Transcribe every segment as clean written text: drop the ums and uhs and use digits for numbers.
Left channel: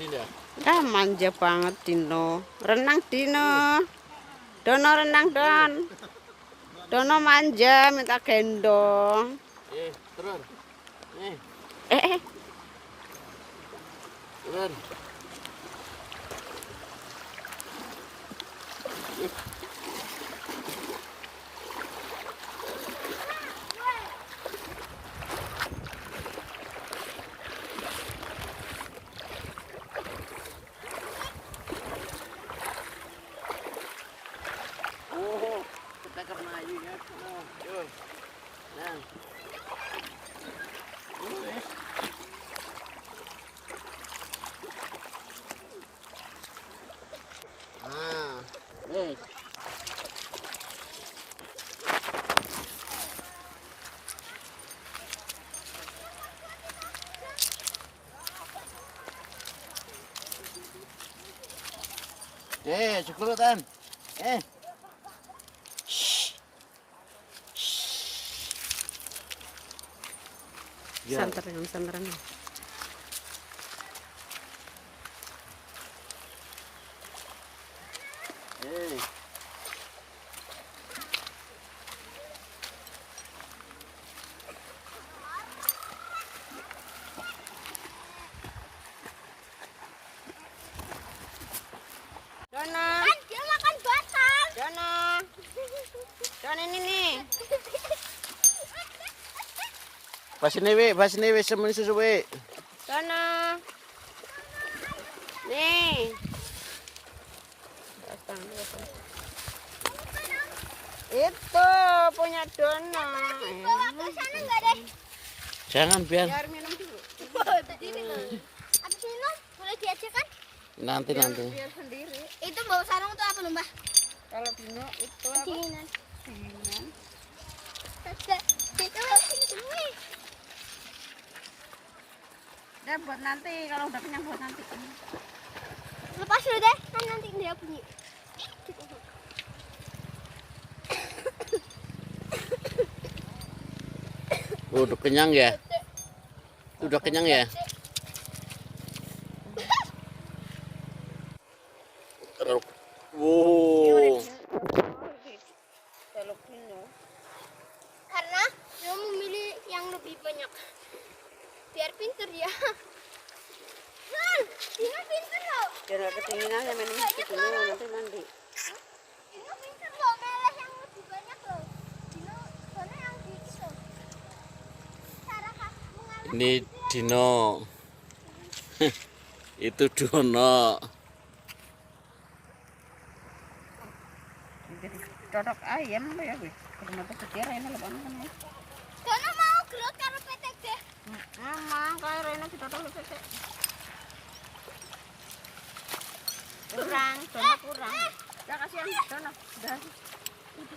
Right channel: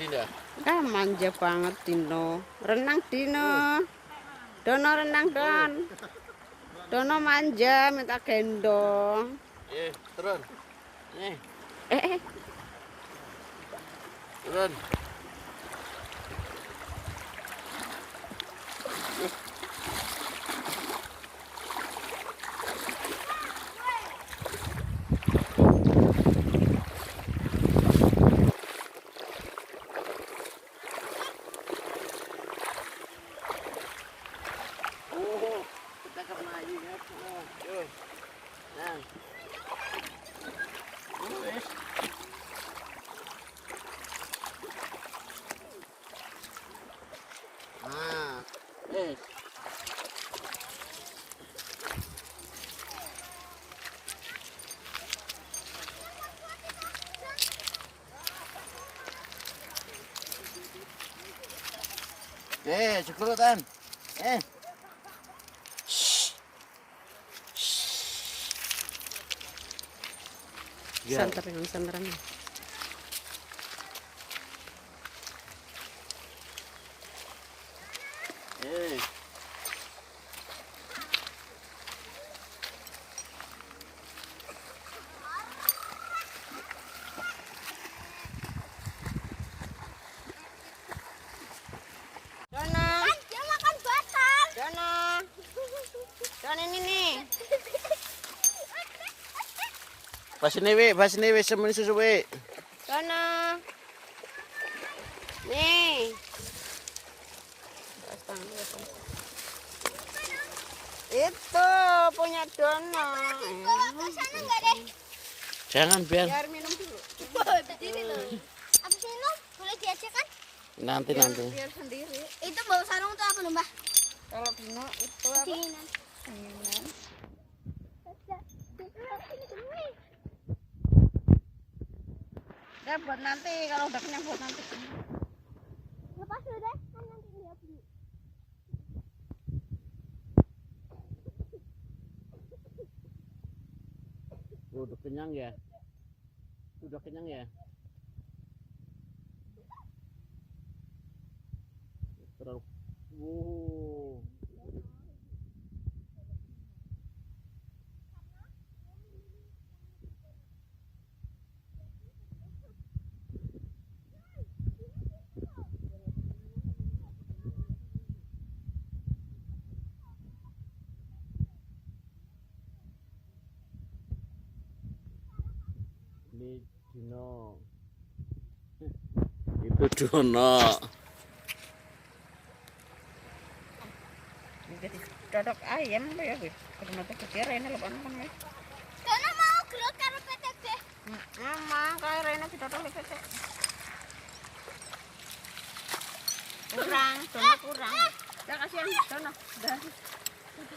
Dinda? Ah, manja banget Dino. Renang Dino. Dono renang Don. Dono manja minta gendong. Turun. Eh. Turun. Kita kemari ya. Cekrutan. Santeran. Dono. Dia makan batang. Dono. Dono ini nih. Pas ini we semen susu we. Dono. Nih. Itu punya Dono. Sana enggak deh. Jangan biar Minum dulu. Berdiri loh. Abis minum boleh diajak kan? nanti. Biar sendiri. Itu bawa sarung tuh apa lomba? Kalau Dino itu apa? Dinginan. Minum. Itu ini. Ya buat nanti kalau udah kenyang buat nanti. Lepas dulu deh, kan nanti dia bunyi. Udah kenyang ya? Udah kenyang ya? Wow. Karena dia memilih yang lebih banyak. Biar pinter ya. Dino pinter loh. Biar kedinginan ya minum dulu nanti mandi. Dino pinter loh, meleh yang lebih banyak loh. Dino soalnya yang dikit loh. Cara mengambil Ini Dino. Itu Dono. Jadi cocok ayam tuh ya gue. Karena tuh kira ini lepas kan ya. Dono mau gelut karo PTT. Emang kayak Rena kita tuh PTT. Kurang. Ya kasihan Dono.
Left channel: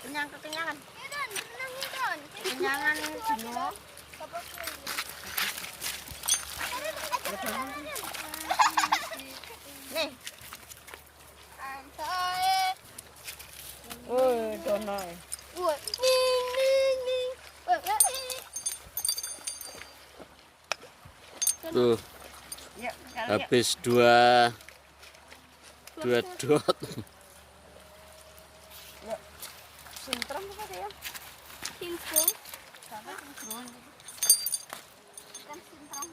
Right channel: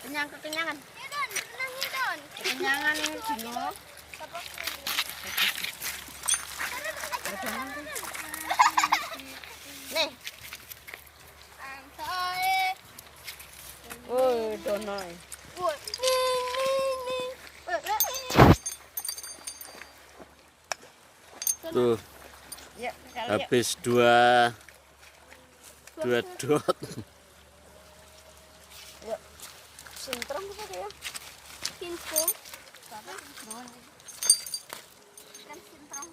Kekenyangan. Ya Don, tenangin Don. Kekenyangan ini Dino. Nih. Sampai. Oh, Dono. Wah, ning. Tuh, Ya, sekali ya. habis dua dot. Sintrom kita deh ya. Singkong. Sama sintrom. Kan singkong.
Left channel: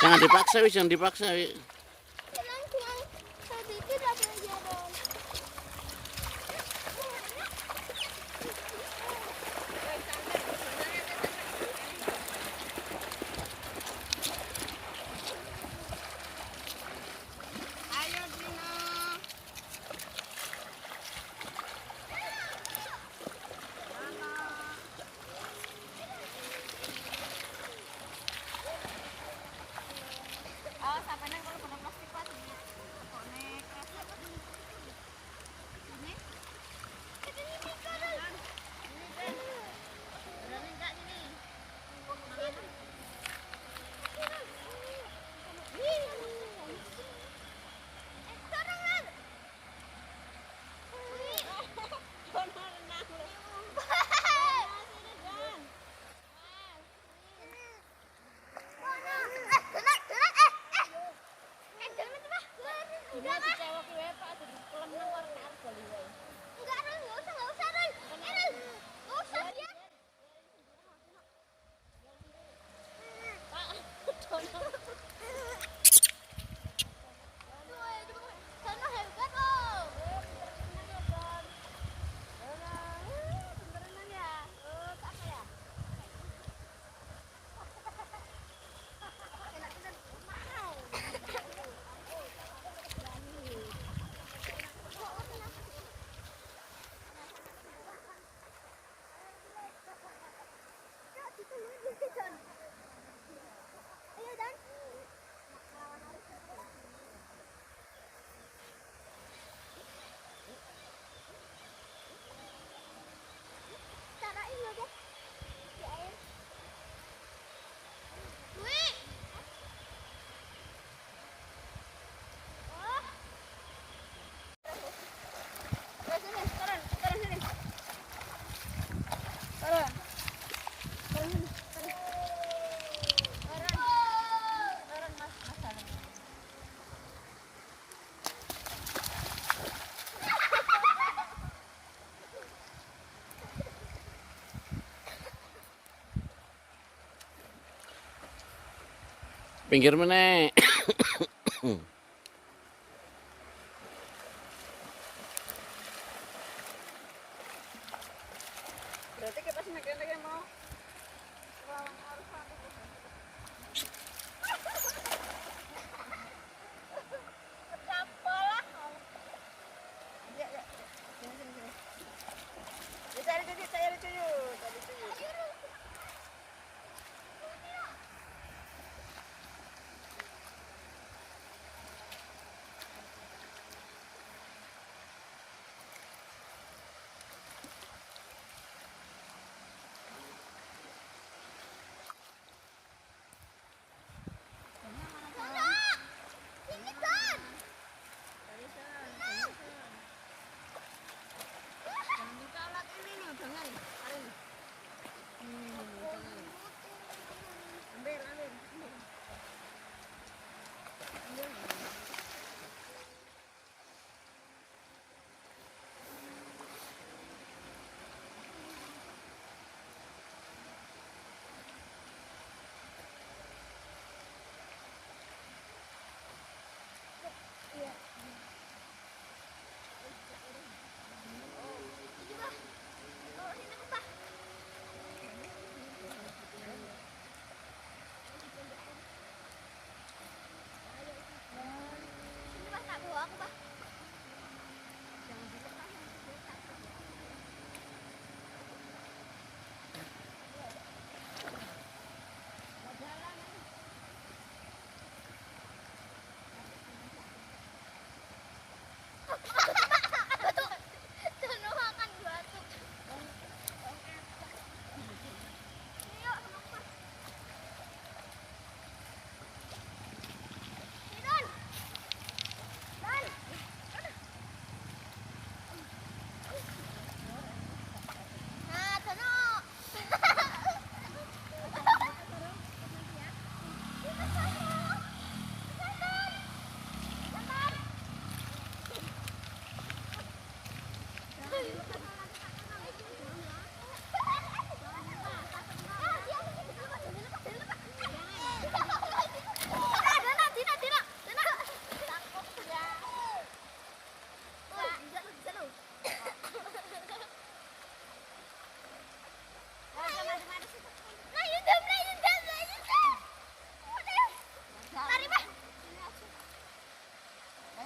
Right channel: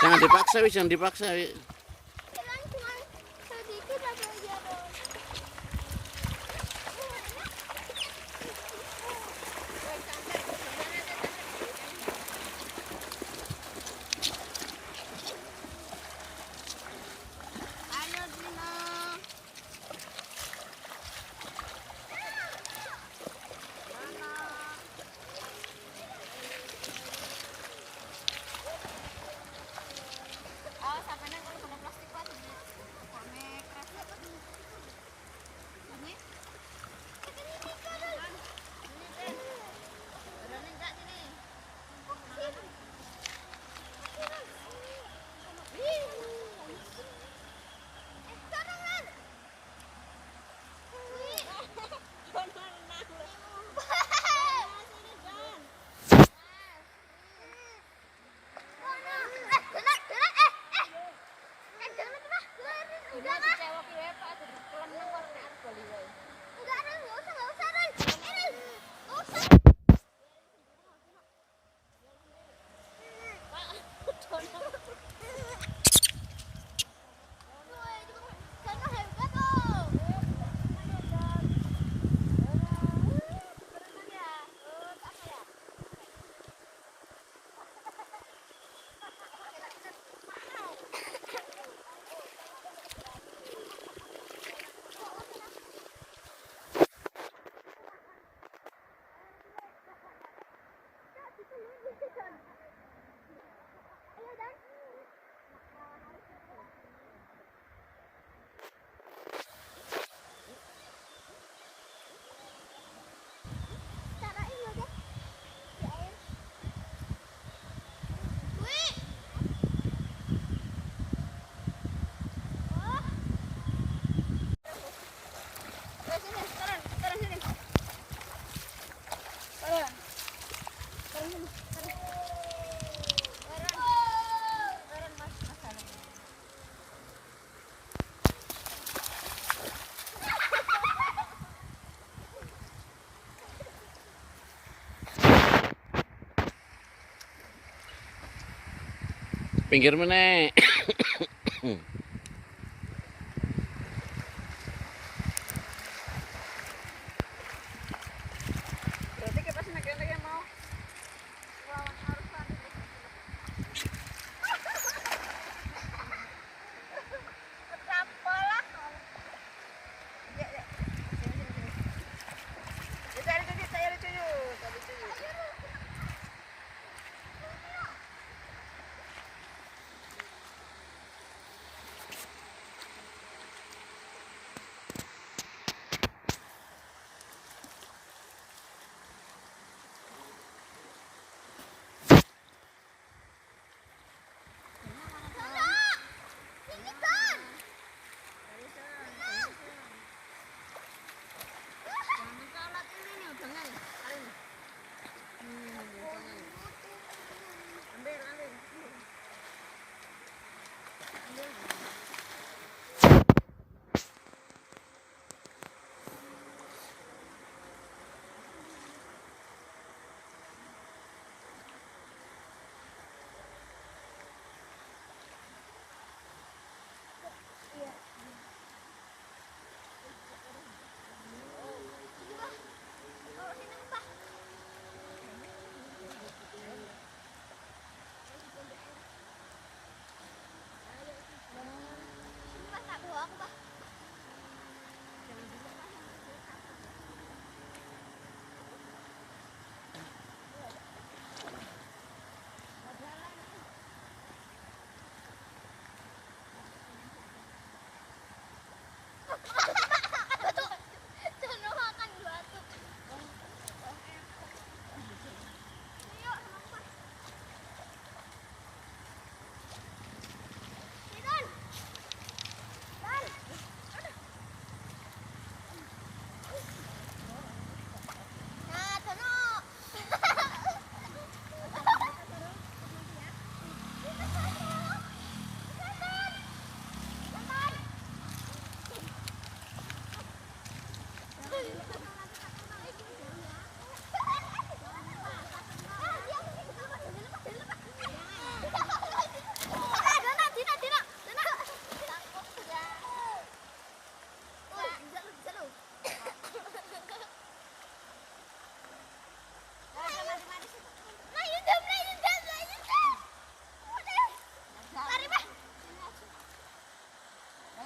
Jangan dipaksa, wi. Jangan dipaksa, wi. Cuman sedikit aja Don. Ayo Dino. Awas apa nang kalau Pinggir mana?